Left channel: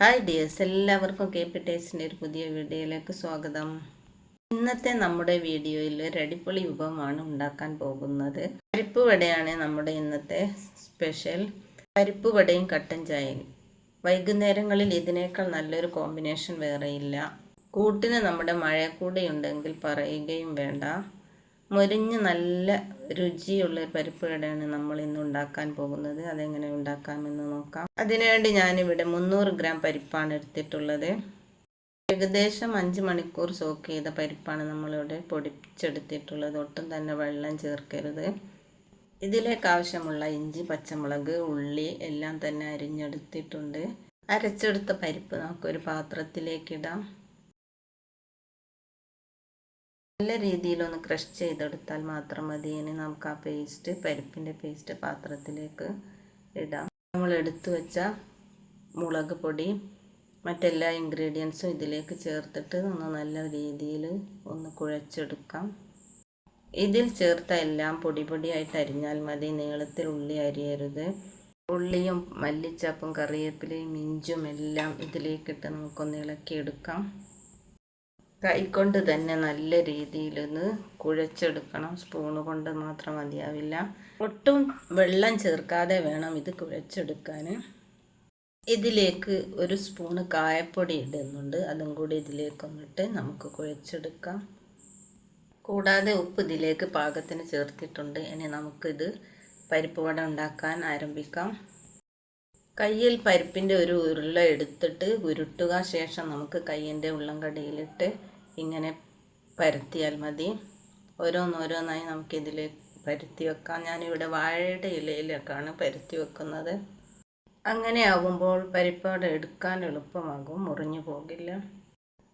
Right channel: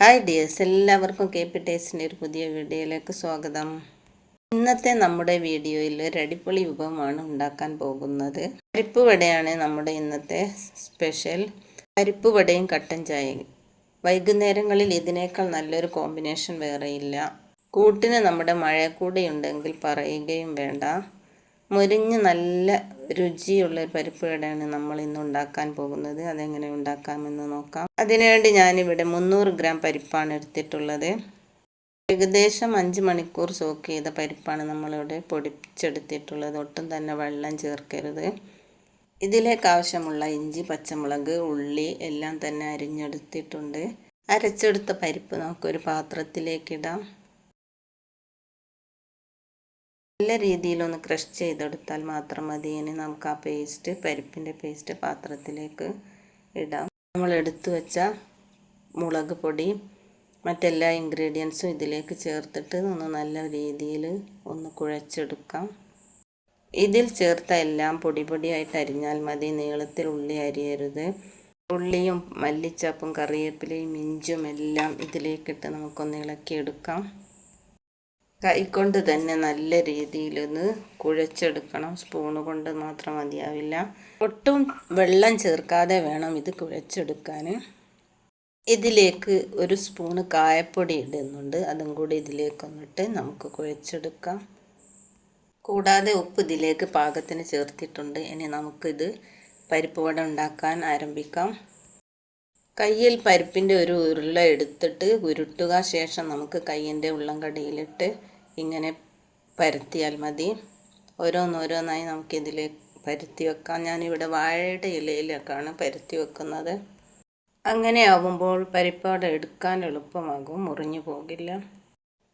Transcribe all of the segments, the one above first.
Hi dears, എല്ലാവർക്കും KP ടേസ്റ്റിൻ്റെ ഒരു പുതിയ വീഡിയോയിലേക്ക് സ്വാഗതം. ഇന്നത്തെ നമ്മുടെ വീഡിയോയിൽ ഒരു അടിപൊളി വിഭവമാണ് ഉണ്ടാക്കാൻ പോകുന്നത്. പരിപ്പ് വടയാണ് നമ്മുടെ ഇന്നത്തെ സ്പെഷ്യൽ. പരിപ്പ് വടയും കട്ടൻ ചായയും. വൈകുന്നേരങ്ങളിൽ ഇതിനേക്കാൾ നല്ലൊരു കോമ്പിനേഷൻ വേറെയില്ല. കൂട്ടിന് നമ്മുടെ മഴക്കൂടയുണ്ടെങ്കിൽ പറയുകയും വേണ്ട. മൊരിഞ്ഞ് നല്ല രുചിയുള്ള പരിപ്പ് വടയാണ് നമ്മൾ ഇന്ന് ഉണ്ടാക്കാൻ പോകുന്നത്. അതെങ്ങനെ ഉണ്ടാക്കാമെന്ന് നോക്കാം. അതിനുവേണ്ടി ഞാനിവിടെ 300 ഗ്രാം പരിപ്പാണ് എടുത്തിട്ടുള്ളത്. ഏകദേശം 5 മണിക്കൂർ സോക്ക് ചെയ്ത പരിപ്പാണ് നമ്മളിവിടെ പൊടിച്ചെടുത്തിട്ടുള്ളത്. ഒട്ടും തന്നെ വെള്ളം ചേർക്കരുത്. ഇതിലേക്ക് ആവശ്യമുള്ള ഇഞ്ചി, പച്ചമുളക്, ഉള്ളി എല്ലാം തന്നെ അരിഞ്ഞെടുത്തിട്ടുണ്ട്. അരച്ചെടുത്ത പരിപ്പ് നമുക്കൊരു പാത്രത്തിലേക്കിടാം. നല്ല രീതിയിലൊന്ന് ക്രഷ് ചെയ്തെടുത്താൽ മാത്രം മതി. ഇനി നമുക്ക് ആ പരിപ്പിൻ്റെ പേസ്റ്റ് പാത്രത്തിലേക്ക് ഇടാം. നമ്മൾ എടുത്തു വെച്ച മുളക് പൊടി മറ്റെല്ലാ ഇൻഗ്രീഡിയൻസും ഇതിലേക്ക് ചേർത്തിട്ട് ഒന്ന് നല്ല രീതിയിൽ ഒന്ന് കുഴച്ചെടുക്കാം. ഇതിൽ ചേർത്ത എല്ലാം പൊടിയായിട്ട് അരിഞ്ഞാൽ മതി. നീളത്തിൽ ഉള്ളി അരിയരുത്. ഉള്ളിയും മല്ലിച്ചപ്പും കറിവേപ്പിലയും ഇഞ്ചും എല്ലാം ഇതിലേക്കിട്ട് നമുക്കൊന്ന് ഇളക്കിയെടുക്കാം. കൈകൊണ്ട് തന്നെ നല്ല രീതിയിലൊന്ന് കുഴച്ചെടുക്കണം. സ്പൂണ് കൊണ്ട് മാത്രം മതിയാവില്ല. ഒട്ടും വെള്ളം ചേർക്കാതെ വേണം ഇത് കുഴച്ചെടുക്കാൻ. ഇതിലേക്ക് ഒരു സ്പൂണ് കായപ്പൊടി ഇടുന്നുണ്ട്. അതും കൂടി ഇതിലേക്കൊന്നിട്ട് നമുക്ക് കുഴച്ചെടുക്കാം. കൂടാതെ ഉപ്പ് ഇതിലേക്ക് പാകത്തിന് ചേർത്തിട്ടുണ്ട്. ഇനി നമുക്കിത് പരിപ്പ് വട ഉണ്ടാക്കാൻ ആരംഭിക്കാം. കയ്യിൽ പരിപ്പിൻ്റെ ഒരു ഉരുള എടുത്തിട്ട് ഉരുട്ടുക. ശേഷം നമുക്ക് കയ്യിൻ്റെ ഉള്ളംകടിയിലിട്ട് ഇങ്ങനെ പരത്തിയാൽ മതി. ഓരോന്നോരോന്നായി നമുക്കിതിൽ പരത്തി വെക്കാം. ഞാനിവിടെ വാഴയുടെ ഇലയിലേക്കാണ് പരത്തി വെക്കുന്നത്. അങ്ങനെ ആവുമ്പോൾ പരിപ്പാട എടുക്കാൻ എളുപ്പമാകും, മുറിഞ്ഞു പോകില്ല.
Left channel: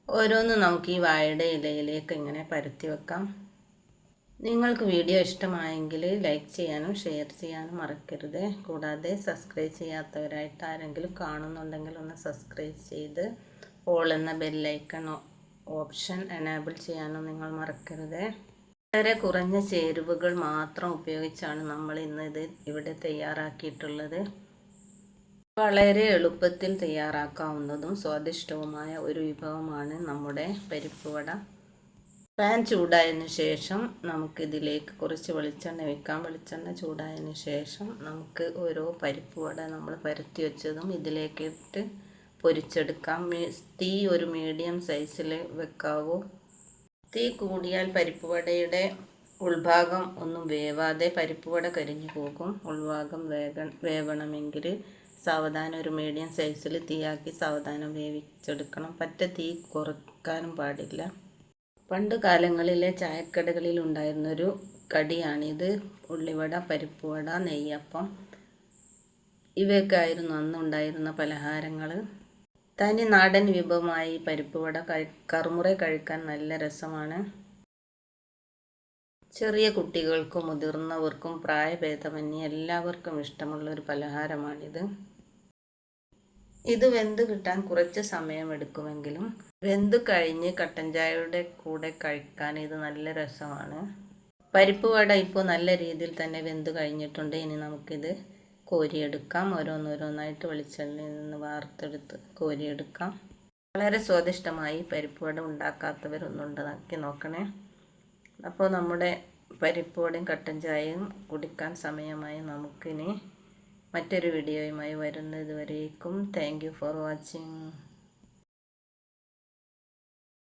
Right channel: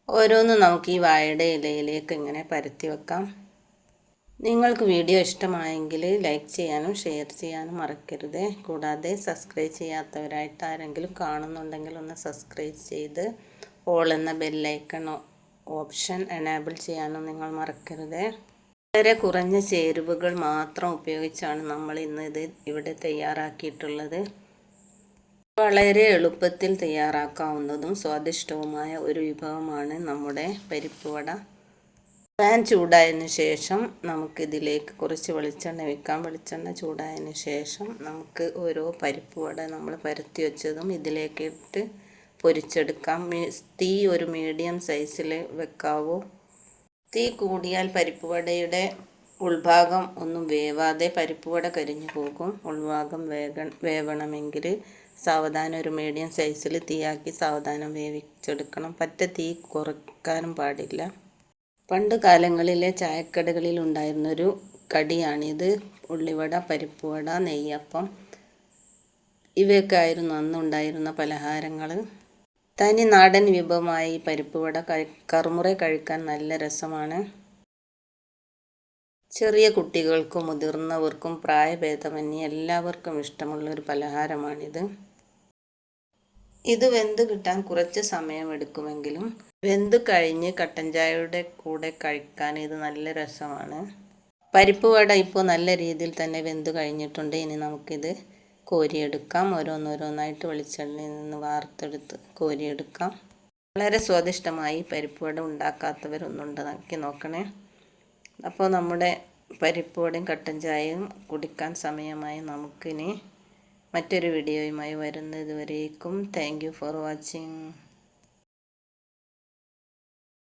ഓരോന്നും നമുക്ക് ഈ വാഴയുടെ ഇലയിലേക്ക് ഇങ്ങനെ പരത്തി വെക്കാം. നിങ്ങൾക്ക് വീഡിയോ ഇഷ്ടമായെങ്കിൽ ലൈക്ക് ചെയ്യാനും ഷെയർ ചെയ്യാനും മറക്കരുത്. കൂടാതെ സബ്സ്ക്രൈബ് ചെയ്യാത്തവരായിട്ട് ആരെങ്കിലും കാണുന്നുണ്ടെങ്കിൽ ഒന്ന് സബ്സ്ക്രൈബ് ചെയ്ത് ഓൾ എന്ന ബെല്ലൈക്കൺ ഓപ്ഷൻ എനേബിൾ ചെയ്യാനും നിങ്ങൾ മറക്കരുത്. വളരെ കുറഞ്ഞ ചേരുവകൾ മാത്രം ഉപയോഗിച്ചാണ് നമ്മൾ ഇന്ന് ഇത് ഇവിടെ തയ്യാറാക്കിയിട്ടുള്ളത്. വളരെ എളുപ്പത്തിൽ തയ്യാറാക്കാവുന്നതും സ്വാദിഷ്ടവുമായ ഒരു വിഭവമാണ് നമ്മുടെ പരിപ്പ് വട. പാൻ ചൂടായതിന് ശേഷം നമുക്കിതിലേക്ക് കുറച്ച് വെളിച്ചെണ്ണ വെക്കാം. വെളിച്ചെണ്ണ ചൂടായതിന് ശേഷം നമുക്ക് ഓരോ പരിപ്പ് വട നമ്മൾ പരത്തി വെച്ചതും ഇതിലേക്ക് ഇട്ട് പൊരിച്ചെടുക്കാം. തീ ഒരു മീഡിയം സൈസിൽ വെക്കാവൂ. തീ കൂടിയാൽ പരിപ്പ് വടയുടെ ഉൾഭാഗം ഒന്നും വേവാതെ പരിപ്പ് വട കരിഞ്ഞു പോകും. ഉൾഭാഗം വേവണമെങ്കിൽ സാവധാനം ഒരു മീഡിയം സൈസിൽ തീയാക്കി സാവധാനം വേവിച്ചെടുക്കണം. പറ്റ തീ കുറയ്ക്കാനും പാടില്ല. പണ്ട് കാലങ്ങളിലെ ചായക്കടകളിൽ ഉണ്ടായിരുന്നൊരു കടിയാണിത്. ഉള്ളിവട, പരിപ്പ് വട, നെയ്യപ്പം ഇവയൊക്കെ ആയിരുന്നു അന്നുണ്ടായിരുന്ന പലഹാരങ്ങൾ. തനി നാടൻ വിഭവമായി പരിപ്പ് വട കറുമുറ കഴിക്കാൻ നല്ല രസമാണ്. ചെറിയ കുട്ടികൾക്കും മുതിർന്നവർക്കും പ്രായഭേദമന്യേ എല്ലാവർക്കും ഇഷ്ടമുള്ളൊരു പലഹാരമാണിത്. ഇത് വെന്ത് കിട്ടാൻ കുറച്ച് സമയമെടുക്കുമെങ്കിലും വെന്ത് കഴിഞ്ഞ് കട്ടൻ ചായയുടെ കൂടെ കഴിക്കാൻ ഇത് നല്ല രസമാണ്. പരിപ്പ് വട ഇപ്പോൾ നല്ല രീതിയിൽ തന്നെ വെന്ത് കഴിഞ്ഞിട്ടുണ്ട്. ഇനി നമുക്കിത് കോരിയെടുക്കാം. ഓരോന്നോരോന്നായിട്ട് വെളിച്ചെണ്ണയിൽ നിന്ന് വാർത്തെടുത്ത് കോരിയെടുക്കാം. വളരെ സ്വാദിഷ്ടമായി പരിപ്പ് വട ഉണ്ടാക്കാത്തവരൊന്നും ഉണ്ടാക്കി നോക്കണേ. അപ്പോൾ നമ്മുടെ പരിപ്പ് വടയും കട്ടൻ ചായയും കുടിക്കാൻ സമയമായി. നമുക്കിനി മറ്റൊരു വീഡിയോയുമായി വരുന്നത് വരേക്കും താങ്ക് യു ഫോർ വാച്ചിങ്.